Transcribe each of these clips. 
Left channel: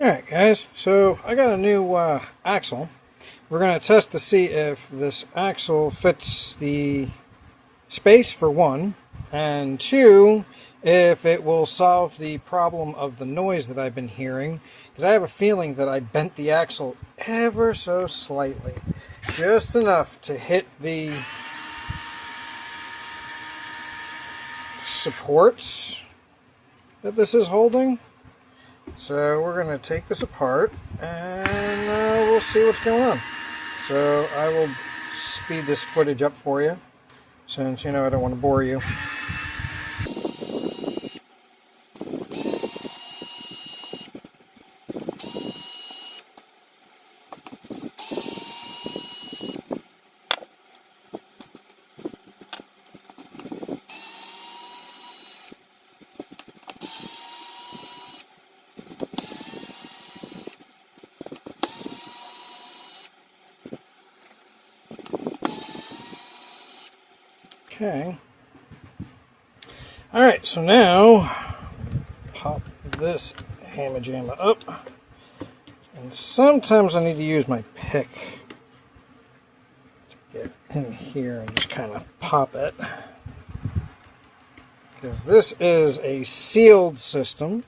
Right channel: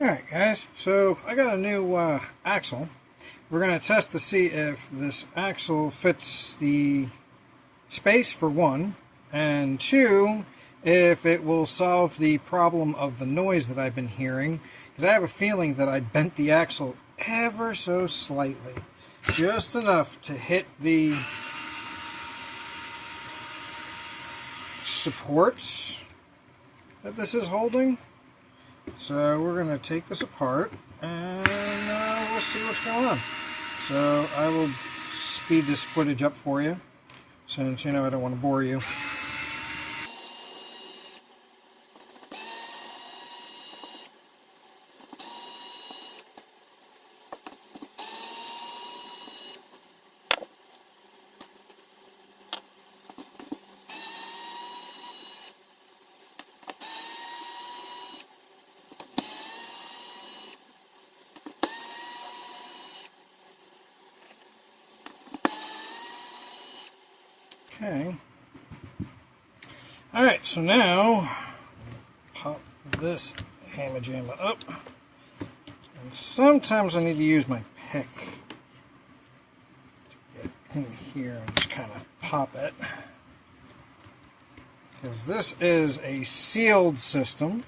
Alright guys, so I got a new axle. We're going to test to see if this axle fits the space for one, and two, if it will solve the problem of the noise that I've been hearing, because I have a feeling that I bent the axle ever so slightly, just enough to hit the supports that this is holding. So we're going to take this apart and we'll see what's going on. So I will speed this footage up for you, since I don't want to bore you. Okay. Alright, so now pop this hammer jammer up. And sometimes I need to use my pick to get in here and just kind of pop it. Because this is a sealed system.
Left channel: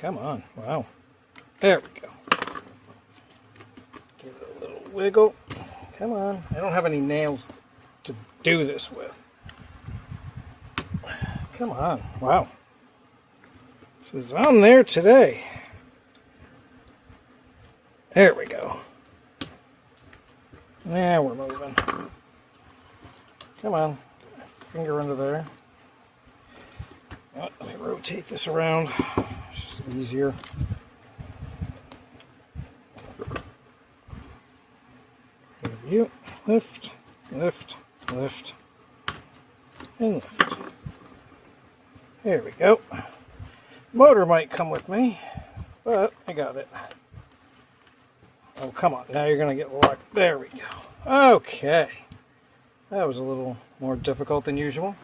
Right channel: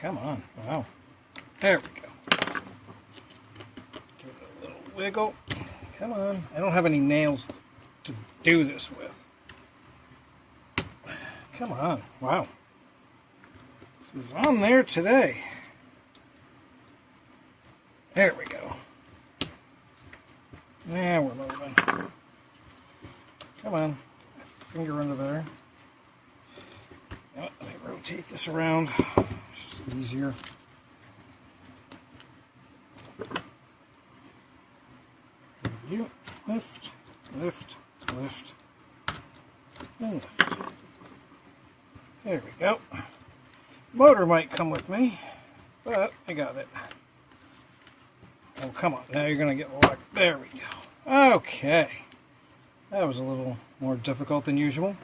Come on. Wow. There we go. Give it a little wiggle. Come on. I don't have any nails to do this with. Come on. Wow. This is on there today. There we go. Now we're moving. Come on. Finger under there. Oh, let me rotate this around. It's just easier. You lift, lift, lift, and lift. There we go. Motor might come with me, but I got it. Oh, come on. Now you're going to get locked. There we go. Okay. That was a little more difficult than usual.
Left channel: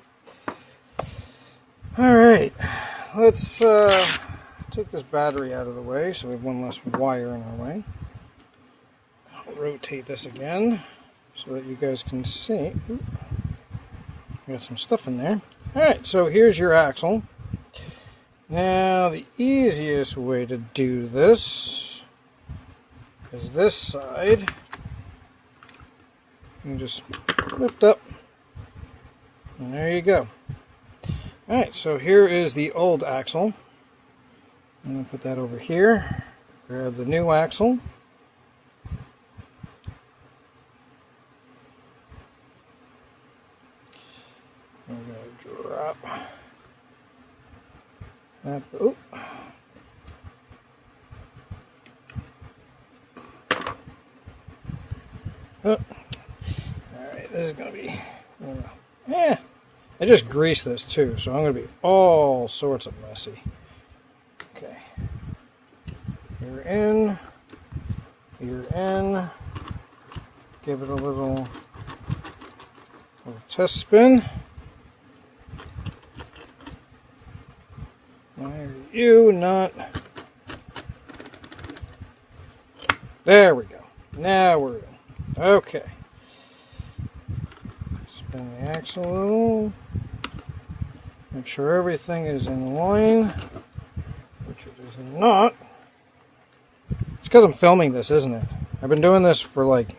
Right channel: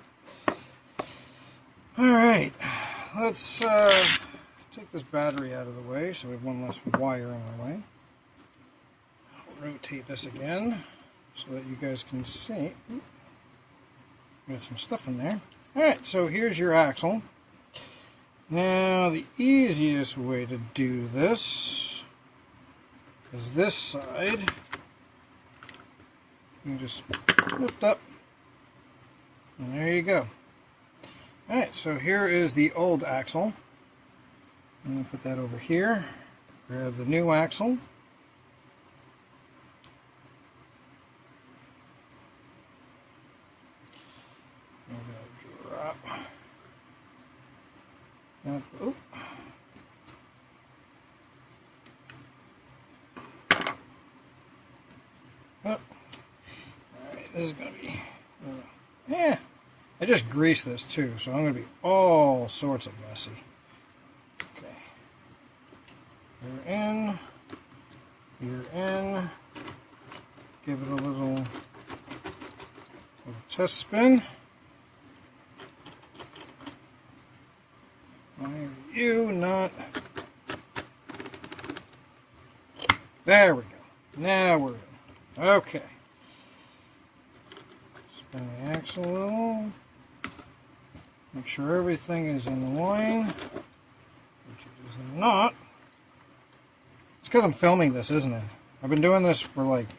Alright. Let's take this battery out of the way so we have one less wire in our way. Rotate this again so that you guys can see. Ooh, got some stuff in there. Alright, so here's your axle. Now the easiest way to do this is this side. You can just lift up and there you go. Alright, so here is the old axle. I'm going to put that over here. Grab the new axle. I'm going to drop that. Oh. Oh. Alright, this is going to be... yeah. I just greased this too, so I'm going to be all sorts of messy. Okay. You're in. You're in. Give it a little test spin. Why are you not? There we go. Now we're in. Okay. Spin the axle a little. Make sure everything is in line, which it is not. It's because I'm filming this, isn't it? I've been doing this for like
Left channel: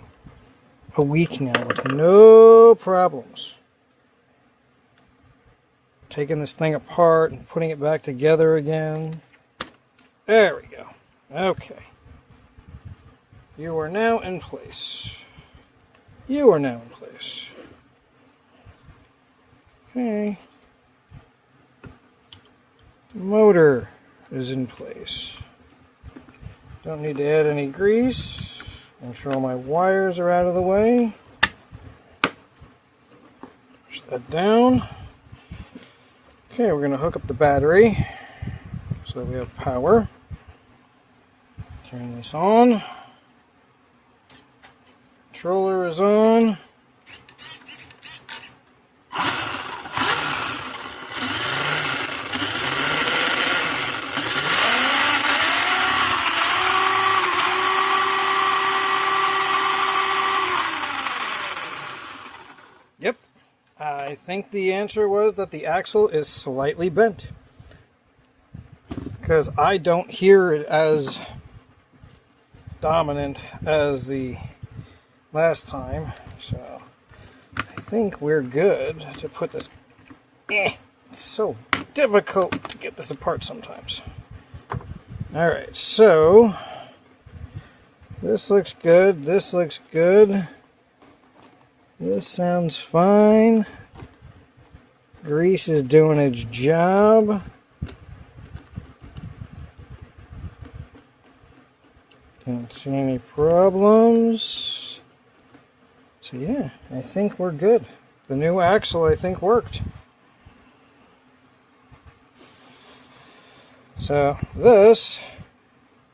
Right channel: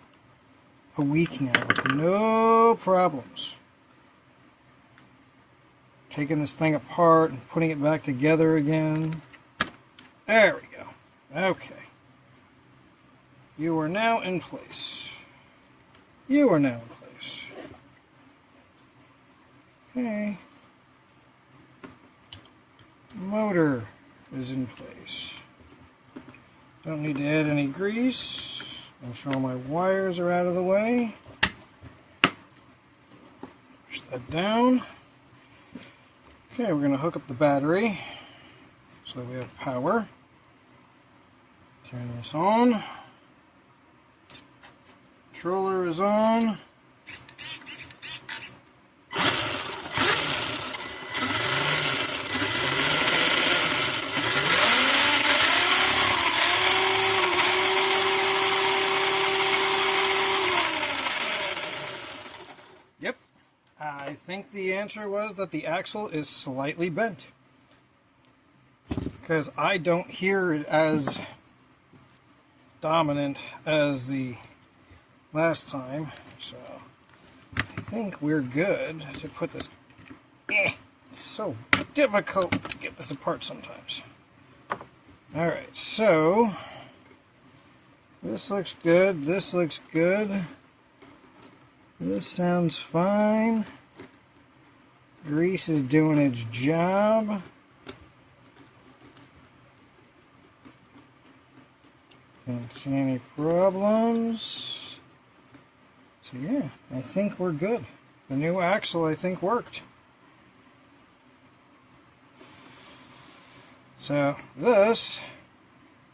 a week now with no problems. Taking this thing apart and putting it back together again. There we go. Okay. You are now in place. You are now in place. Okay. Motor is in place. Don't need to add any grease. Make sure all my wires are out of the way. Push that down. Okay, we're going to hook up the battery so that we have power. Turn this on. Controller is on. the answer was that the axle is slightly bent, because I don't hear it as dominant as the last time. So I think we're good to put this. It's so difficult to get this apart sometimes. Alright, so this looks good, this looks good. This sounds fine. Grease is doing its job. Don't see any problems. So yeah, I think we're good. The new axle, I think, worked. So this,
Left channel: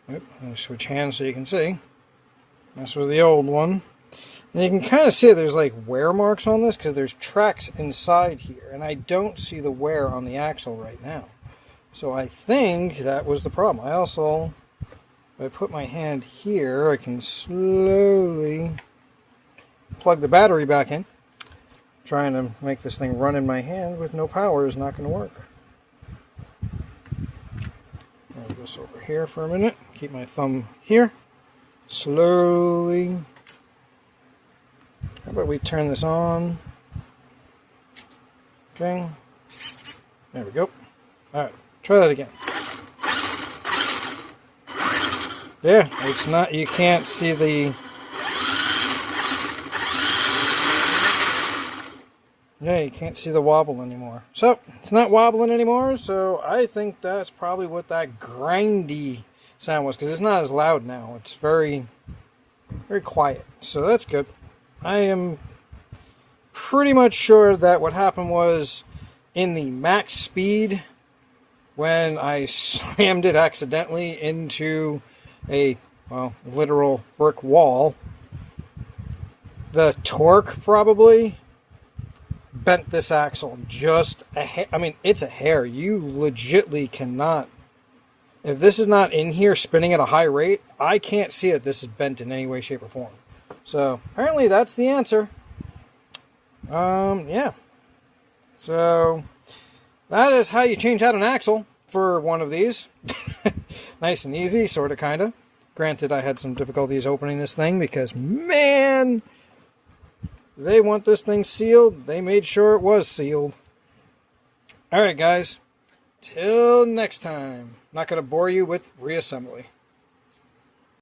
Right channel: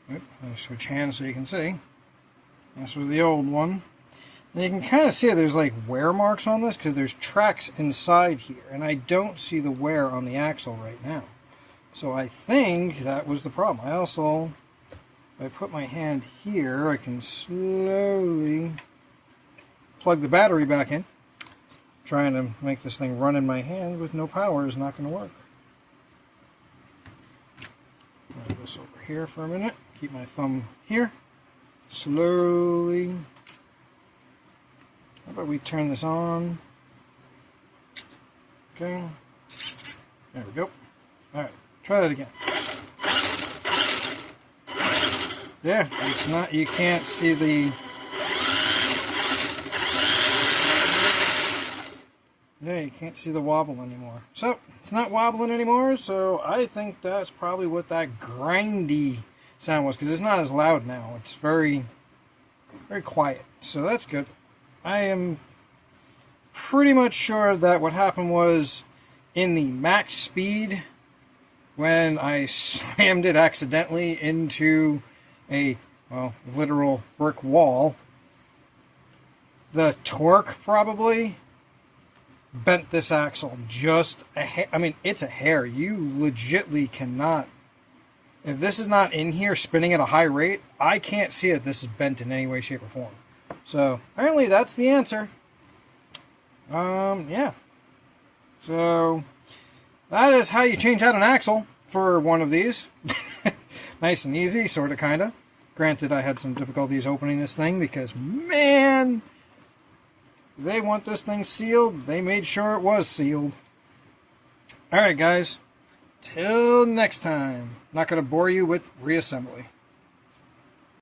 I'll switch hands so you can see. This was the old one. And you can kind of see there's like wear marks on this because there's tracks inside here. And I don't see the wear on the axle right now. So I think that was the problem. I also, if I put my hand here, I can slowly plug the battery back in. Trying to make this thing run in my hand with no power is not going to work. Move this over here for a minute. Keep my thumb here. Slowly. How about we turn this on? Okay. There we go. Alright, try that again. Yeah, it's not, you can't see the... Yeah, you can't see the wobble anymore. So, it's not wobbling anymore, so I think that's probably what that grindy sound was, because it's not as loud now. It's very, very quiet. So that's good. I am pretty much sure that what happened was in the max speed, when I slammed it accidentally into a, well, literal brick wall, the torque probably bent this axle just a hair. I mean, it's a hair. You legitly cannot, if this is not in here spinning at a high rate, I can't see that this is bent in any way, shape, or form. So apparently that's the answer. Yeah. So that is how you change out an axle for one of these. Nice and easy, sort of, kind of. Granted, I had some difficulties opening this thing because, man, they want this thing sealed. They made sure it was sealed. Alright, guys. Till next time. Not going to bore you with reassembly.